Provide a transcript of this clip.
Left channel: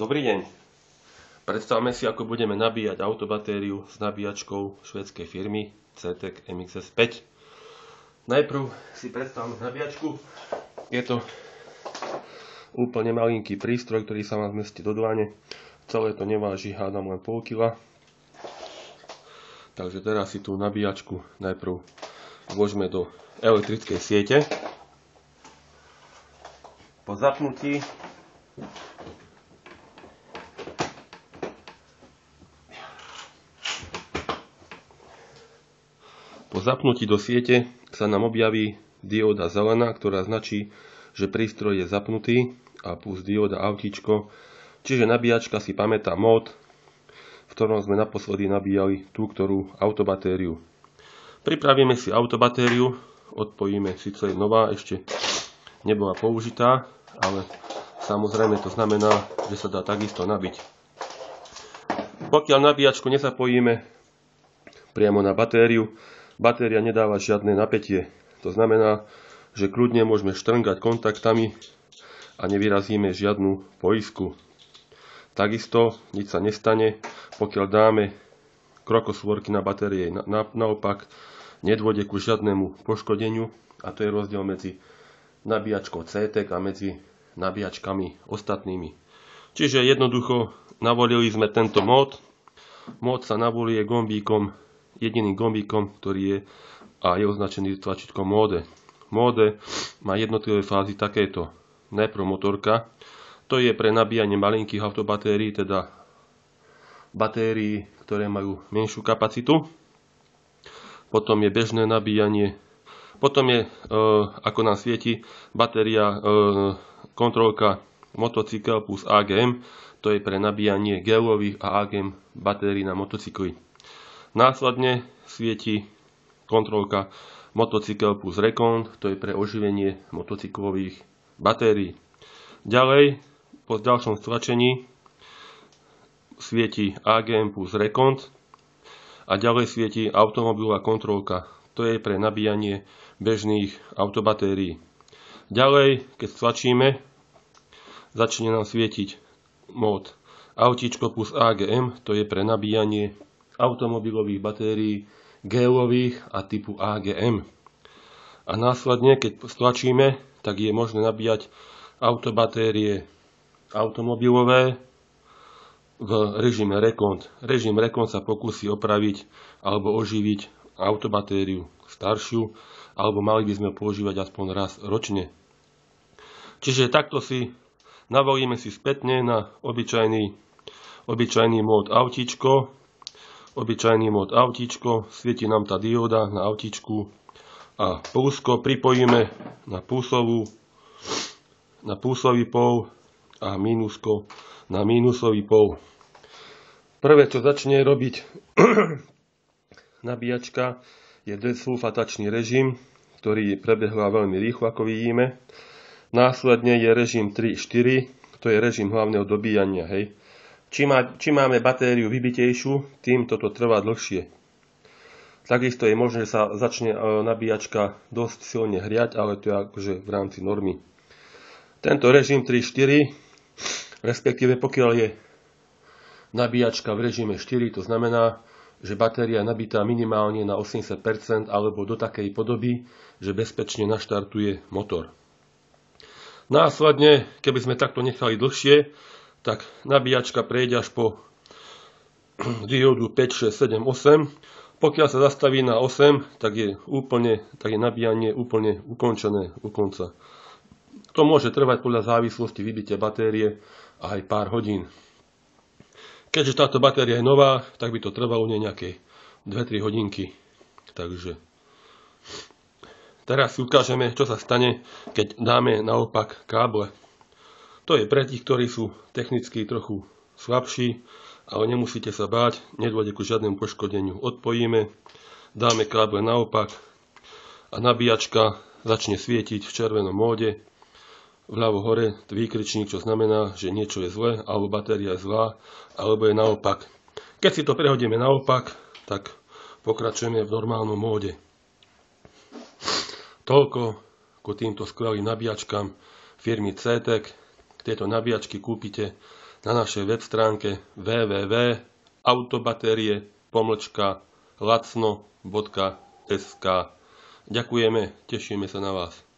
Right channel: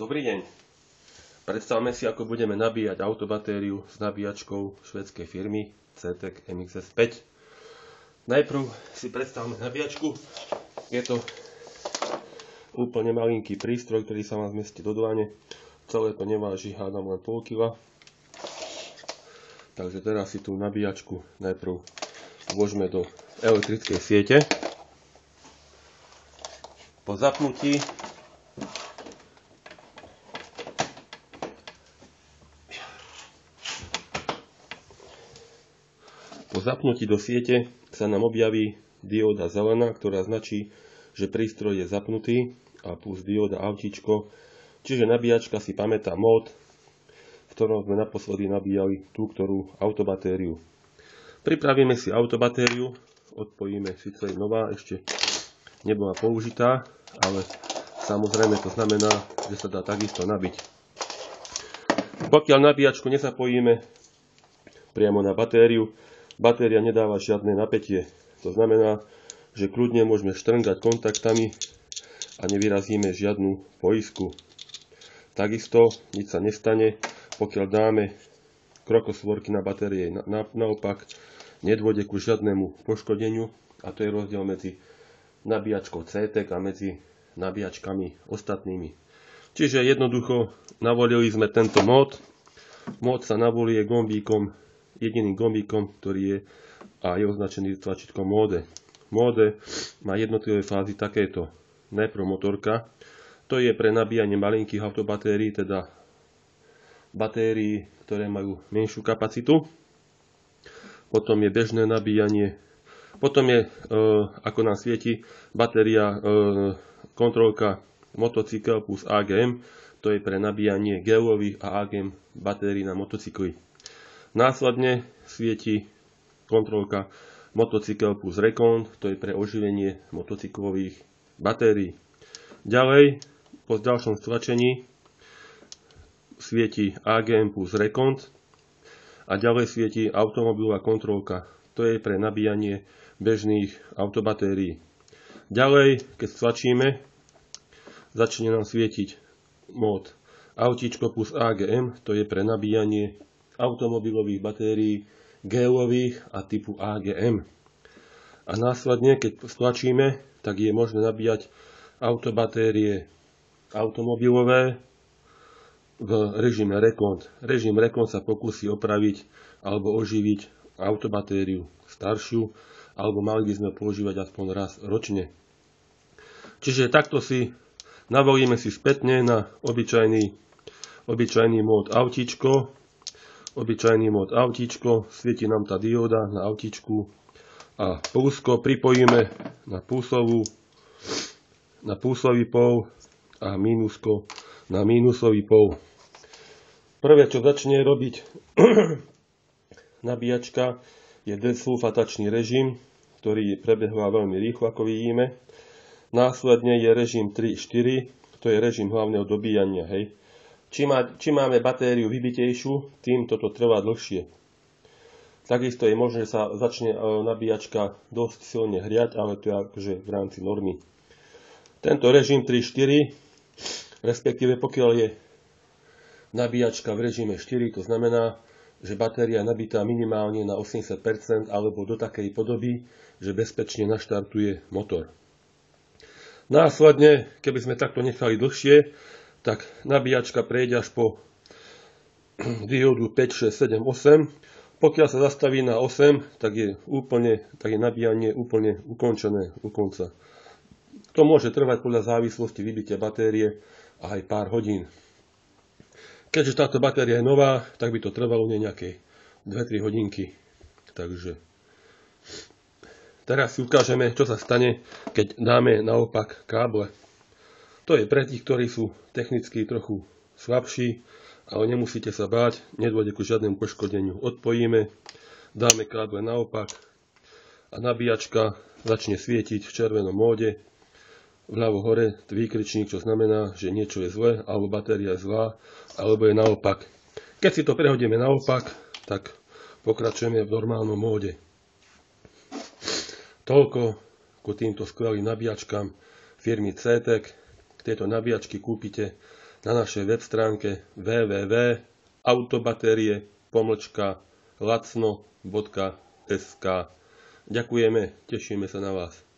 Dobrý deň. Predstavme si, ako budeme nabíjať autobatériu s nabíjačkou švédskej firmy CTEK MXS 5. Najprv si predstavme nabíjačku. Je to úplne malinký prístroj, ktorý sa vám zmestí do dlane. Celé to neváži, hádam, len pol kila. Takže teraz si tú nabíjačku najprv vložme do elektrickej siete. Po zapnutí do siete sa nám objaví dióda zelená, ktorá značí, že prístroj je zapnutý, a plus dióda autíčko, čiže nabíjačka si pamätá mód, v ktorom sme naposledy nabíjali tú ktorú autobatériu. Pripravíme si autobatériu, odpojíme, síce je nová, ešte nebola použitá, ale samozrejme to znamená, že sa dá takisto nabiť. Pokiaľ nabíjačku nezapojíme priamo na batériu, batéria nedáva žiadne napätie. To znamená, že kľudne môžeme štrngať kontaktami a nevyrazíme žiadnu poisku. Takisto nič sa nestane, pokiaľ dáme krokosvorky na batérie. Naopak nedôjde ku žiadnemu poškodeniu, a to je rozdiel medzi nabíjačkou CTEK a medzi nabíjačkami ostatnými. Čiže jednoducho navolili sme tento mód. Mód sa navolí gombíkom, jediným gombíkom, ktorý je a je označený tlačítkom móde. Móde má jednotlivé fázy takéto. Najprv motorka, to je pre nabíjanie malinkých autobatérií, teda batérií, ktoré majú menšiu kapacitu. Potom je bežné nabíjanie. Potom je, ako nám svieti, batéria kontrolka motocykel plus AGM, to je pre nabíjanie gelových a AGM batérií na motocykly. Následne svieti kontrolka motocykel plus Recon, to je pre oživenie motocyklových batérií. Ďalej, po ďalšom stlačení svieti AGM plus Recon a ďalej svieti automobilová kontrolka, to je pre nabíjanie bežných autobatérií. Ďalej, keď stlačíme, začne nám svietiť mód autíčko plus AGM, to je pre nabíjanie automobilových batérií gelových a typu AGM. A následne, keď stlačíme, tak je možné nabíjať autobatérie automobilové v režime Recon. Režim Recon sa pokúsi opraviť alebo oživiť autobatériu staršiu, alebo mali by sme ho používať aspoň raz ročne. Čiže takto si navolíme si spätne na obyčajný mód autíčko. Obyčajný mód autíčko, svieti nám tá dióda na autíčku a plusko pripojíme na plusový pól a mínusko na mínusový pól. Prvé, čo začne robiť nabíjačka, je desulfatačný režim, ktorý prebehla veľmi rýchlo, ako vidíme. Následne je režim 3-4, to je režim hlavného dobíjania, hej. Čím máme batériu vybitejšiu, tým toto trvá dlhšie. Takisto je možné, že sa začne nabíjačka dosť silne hriať, ale to je akože v rámci normy. Tento režim 3-4, respektíve pokiaľ je nabíjačka v režime 4, to znamená, že batéria je nabitá minimálne na 80% alebo do takej podoby, že bezpečne naštartuje motor. Následne, keby sme takto nechali dlhšie, tak nabíjačka prejde až po diódu 5, 6, 7, 8. Pokiaľ sa zastaví na 8, tak je nabíjanie úplne ukončené u konca. To môže trvať podľa závislosti vybitia batérie aj pár hodín. Keďže táto batéria je nová, tak by to trvalo nejaké 2-3 hodinky. Takže teraz si ukážeme, čo sa stane, keď dáme naopak káble. To je pre tých, ktorí sú technicky trochu slabší, ale nemusíte sa báť, nedôjde ku žiadnemu poškodeniu. Odpojíme, dáme káble naopak a nabíjačka začne svietiť v červenom móde. Vľavo hore výkričník, čo znamená, že niečo je zlé, alebo batéria je zlá, alebo je naopak. Keď si to prehodíme naopak, tak pokračujeme v normálnom móde. Toľko ku týmto skvelým nabíjačkám firmy CTEK. Tieto nabíjačky kúpite na našej web stránke www.autobaterie.lacno.sk. Ďakujeme, tešíme sa na vás.